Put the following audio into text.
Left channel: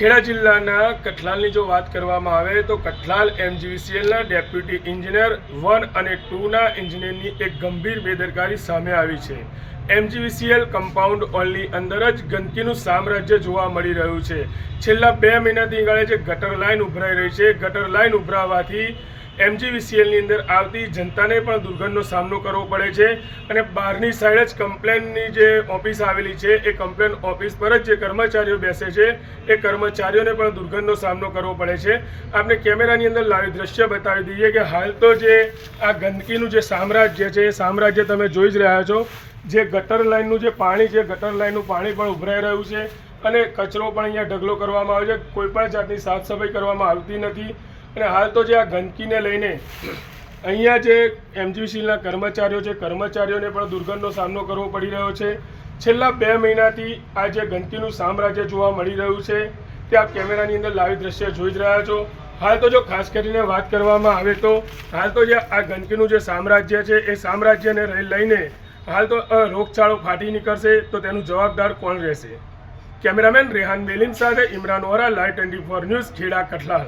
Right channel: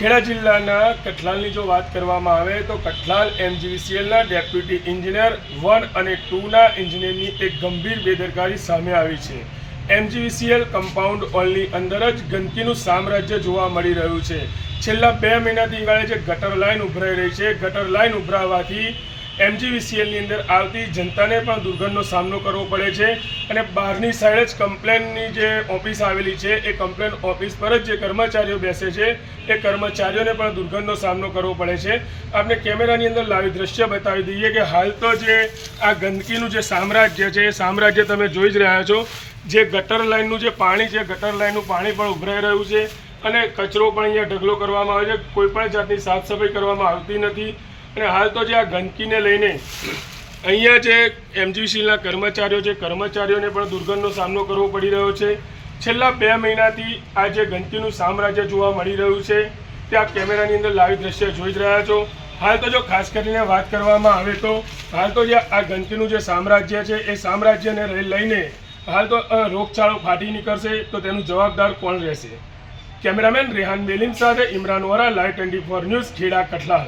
ખેડા જિલ્લાના કઠલાલની જો વાત કરવામાં આવે તો કઠલાલ એમજીવીસીએલના ડેપ્યુટી એન્જિનિયર 1 અને 2ના એન્જિનિયરની એક ગંભીર બેદરકારી સામે આવી છે। એમજીવીસીએલ કમ્પાઉન્ડ ઓલની અંદર જ ગંદકીનું સામ્રાજ્ય જોવા મળી રહ્યું છે। છેલ્લા 2 મહિનાથી ગાળે જે ગટર લાઇન ઉભરાઈ રહી છે, ગટર લાઇન ઉભરાવાથી એમજીવીસીએલની અંદર આવતી જનતાને પણ દુર્ગંધનો સામનો કરવો પડે છે અને બહારની સાઈડ જ કમ્પ્લેનની જે ઓફિસ આવેલી છે એ કમ્પ્લેન ઓફિસ પર જ જે કર્મચારીઓ બેસે છે એ કર્મચારીઓને પણ દુર્ગંધનો સામનો કરવો પડે છે। આપણે કેમેરાની અંદર લાઈવ દ્રશ્ય બતાવી દઈએ કે હાલ તો જે આ ગંદકીનું જે સામ્રાજ્ય છે એ સામ્રાજ્ય તમે જોઈ જ રહ્યા છો। જે ગટર લાઇનનું જે પાણી છે, ગટર લાઇનનું પાણી પણ ઉભરાઈ રહ્યું છે અને કચરો પણ અહીંયા ઢગલો કરવામાં આવે છે। કોઈ પણ જાતની સાફ સફાઈ કરવામાં આવતી નથી અને હાલ તો જે આ ગંદકીને લઈને અહીંયા જે એમજીવીસીએલના કર્મચારીઓ છે, કર્મચારીઓને પણ દુર્ગંધનો સામનો કરવો પડી રહ્યો છે। છેલ્લા 2 મહિનાથી આ જે ગંદકીનું સામ્રાજ્ય જોવા મળી રહ્યું છે તે આપ કેમેરાની અંદર લાઈવ દ્રશ્ય જોઈ જ રહ્યા છો। હાલ તો જો ખાસ કરીને વાત કરવામાં આવે તો હાલ તો જે આ ગંદકીનું જે સામ્રાજ્ય છે એ સામ્રાજ્યને લઈને હાલ તો રોગચાળો ફાટી નીકળશે તો તેનું જવાબદાર કોણ રહેશે? કેમેરામેન રેહાન બેલીમ સાથે ઇમરાન વોરા, લાઈવ 24 ન્યૂઝ, ખેડા, કઠલાલ।